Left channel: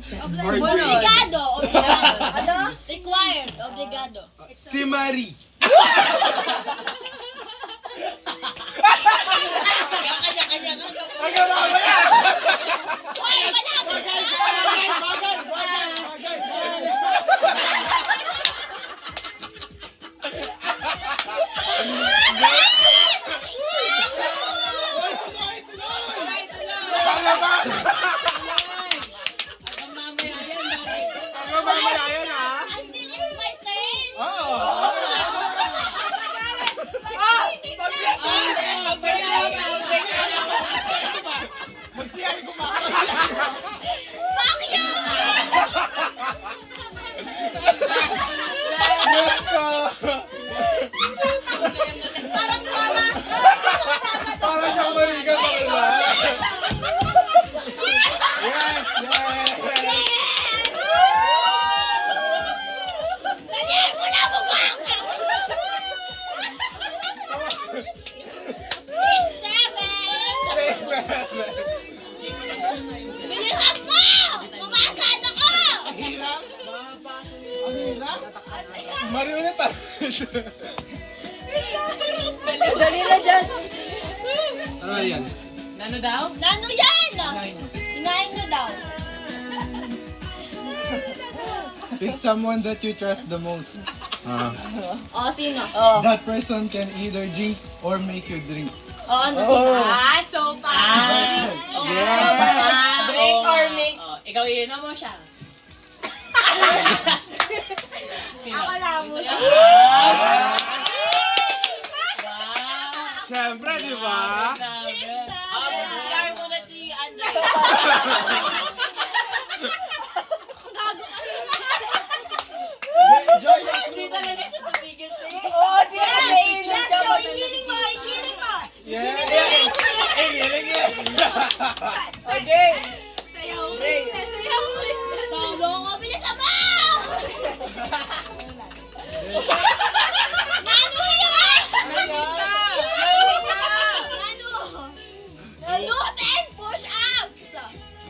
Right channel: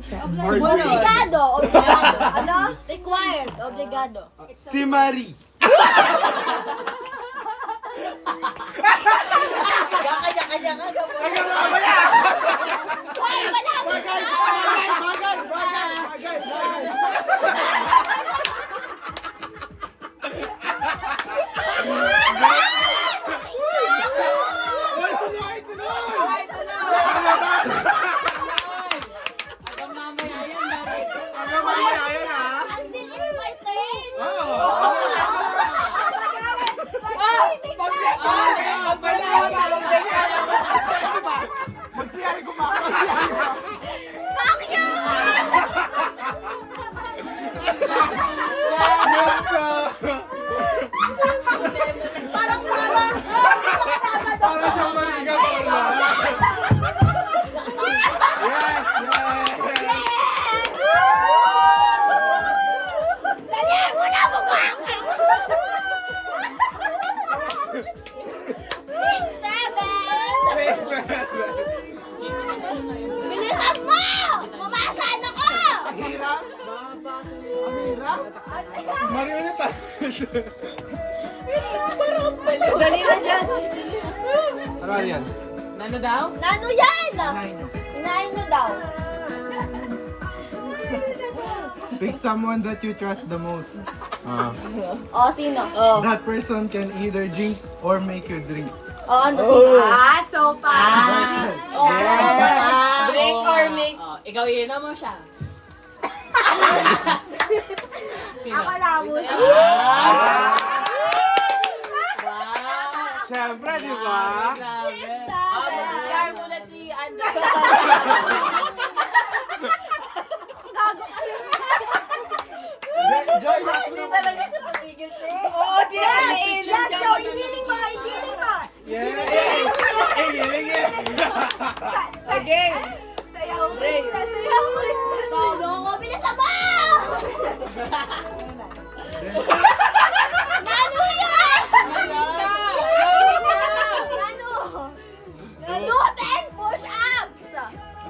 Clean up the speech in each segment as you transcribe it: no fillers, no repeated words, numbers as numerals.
siya. Obligado. Obligado. Ano? Required. Obligado. Si Marie. Kanya-kanya nga daw. Uy, wala ko na! Until it's my turn. Fuck you! Dalihan mo na, bumaka! 6, 7! Bilisan mo! Pumasad ako! Marie na tayo. Dali na, Jess. Ano yan? Nano daw? Nano yan? Inain mo daw. Pick someone that you trust the most. O, sino? That person can either drink or make you drink. O, ano sino? So Yes. Drink or make? Ikaw iinom mo siya. Ako labo. Siyempre, di ba? CR muna si Angelo. Joy, Hindi talaga siya papigil siya. Oo, di ba? Let's go! Igiling mo! Igiling mo! Sige. Sayaw, Krista! Sayaw, Krista! Tolo ko! Bilisan mo! Nano yan! Nano! 10 push-ups!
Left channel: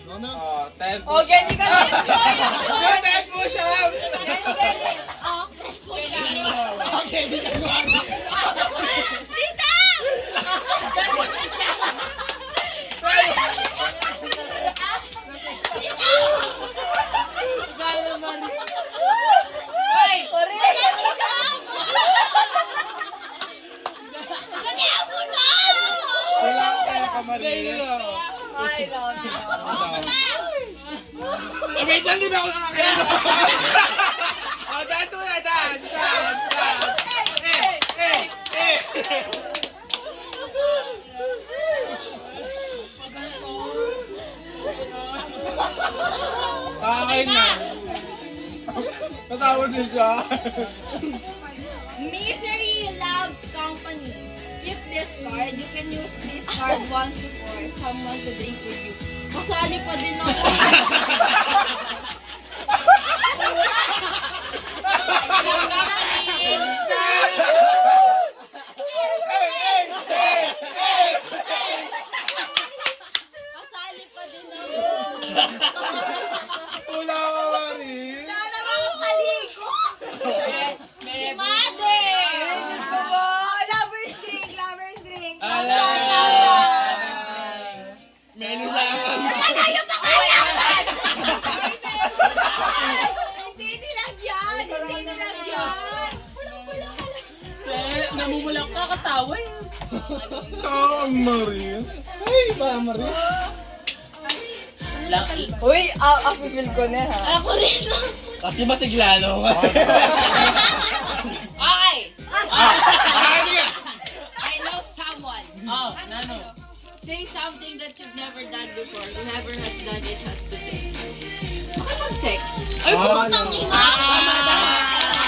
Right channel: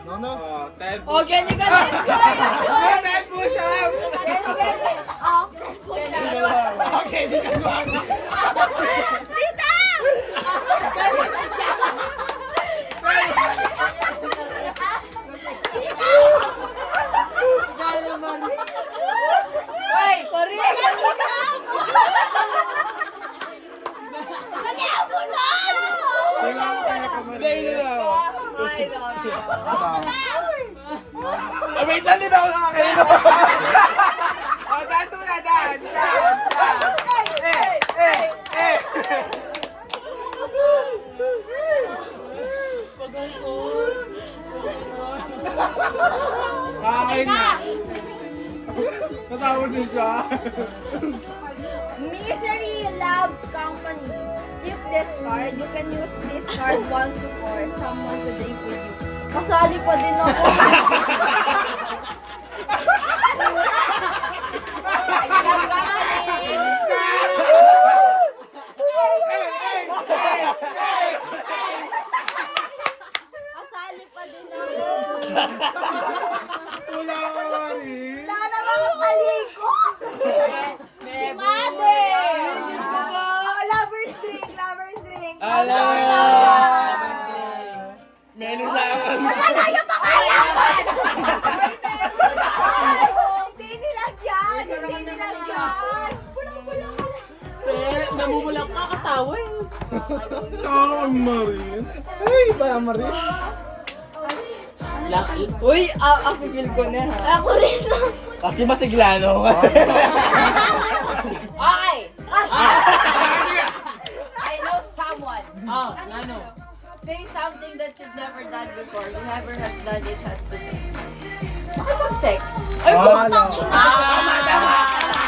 no, no. 10 O, ganyan ka lang. 10 push-ups! Okay, Okay, Tita! Hoy, pare. Kanya mo na! Dahil na lang. Oh, wait lang, di ba ako nakakainom? Oh, dance muna, dance! Eh! Okay na. Natawa din siya. Misery loves company. Keep this card. You can use this card once to force someone to drink with you. Kasali pa din ako. Kasali pa din ako. Kuya ka, Marie. Sana mga paligo! Si Mother! Lovers drink! Lovers drink! Menu lang. Hindi nilang yan! Hindi nilang yan! Namumulak ka, katawa eh. Ah, Marie. Ay, ba, Marie? Uy, ako feel ko na ha. Ako rin lang! Kasi masiglano ka. Okay. I know someone. Oh, Nano. Say something that you've never done before. Whoever has done it has to do. Bakit ang sex? Ay, Ah, pumatang ina!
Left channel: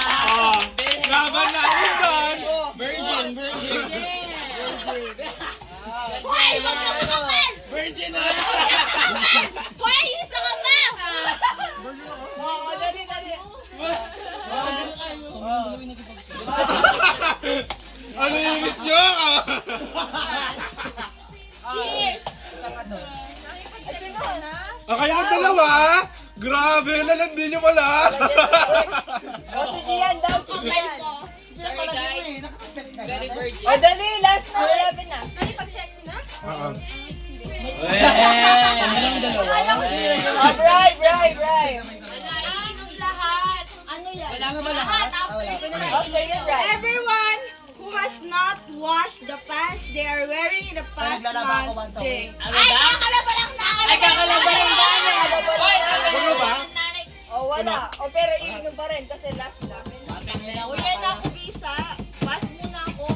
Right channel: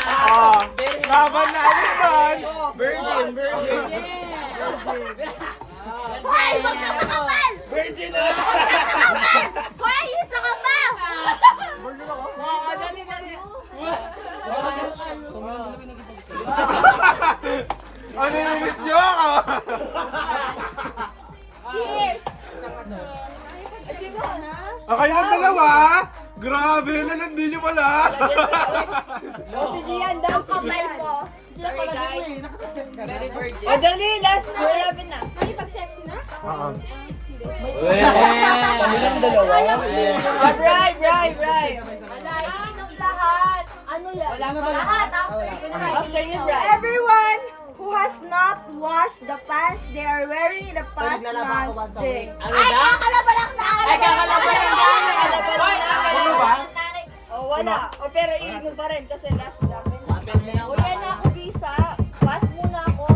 Ah, laban na isan. Virgin. Hoy, wag ka makapal! Virgin na. Hoy, isa ka pa! Oo, dali. Ano yung miss niyo ako? Cheers! Ah, kayo ang dalawa? Grabe, lalandi nyo pala. O si Gian daw, kapal mo. Sorry guys. Very virgin. O dali, last na, 11 na. Oo. Kami lang dalawa. Bribe. Wala, anong lahat? Ano yan? Wala pa. Lahat, after yun na. After yun, Bribe. Everyone who has not washed the pants they are wearing in the past month's day. Ano ba? Kakalaba lang na! Ay, kakalaba lang nanay. Hoy, Ano ba? nanay. O wala. O pero iinom pa rin kasi last lang. Kapit lang. O yan ako, Gisa. Pass muna ako.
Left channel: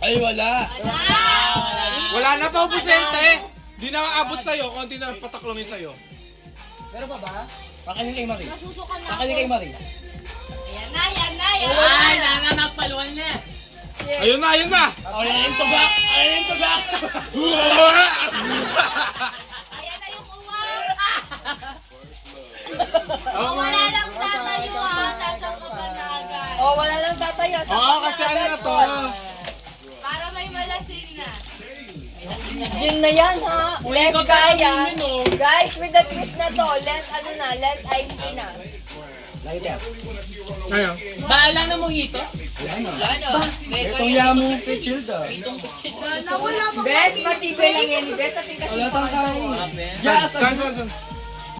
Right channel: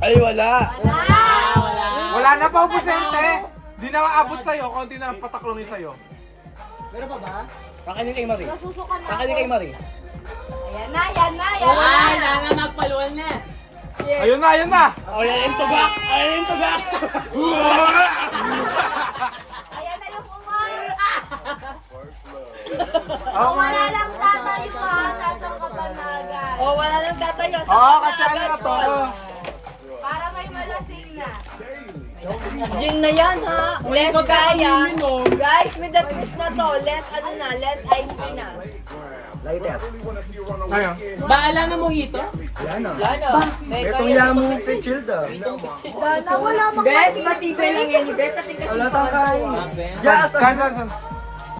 Ay, wala. Wala! Wala na pa, Pusente. Di na aabot sa'yo, konti na lang pataklongin sa'yo. Pakainin kay Marie. Nasusuka na Pakainin ako. kay Marie. Ayan na. Ay, nanga magpaluan na. Ayun na. Ayun yung tubak. Ayun yung tubak. Ayan na yung umar. Oo, Wala lang tatayo ha. Sasang ka pa na agad. O wala lang tatayo. Oo, kasi ano na to. Para may malasing na. Gin na yan ha. Uli ko kaya. uminom. Guys, with the twist na to, less ice tea na. Lighter. Ayun. Baala na mojito. Yan na. Ano? Itong yummy sa chilled ah. Sana wala mag- Best, matibay lang yan. Best, Wala tayong kain. Saan?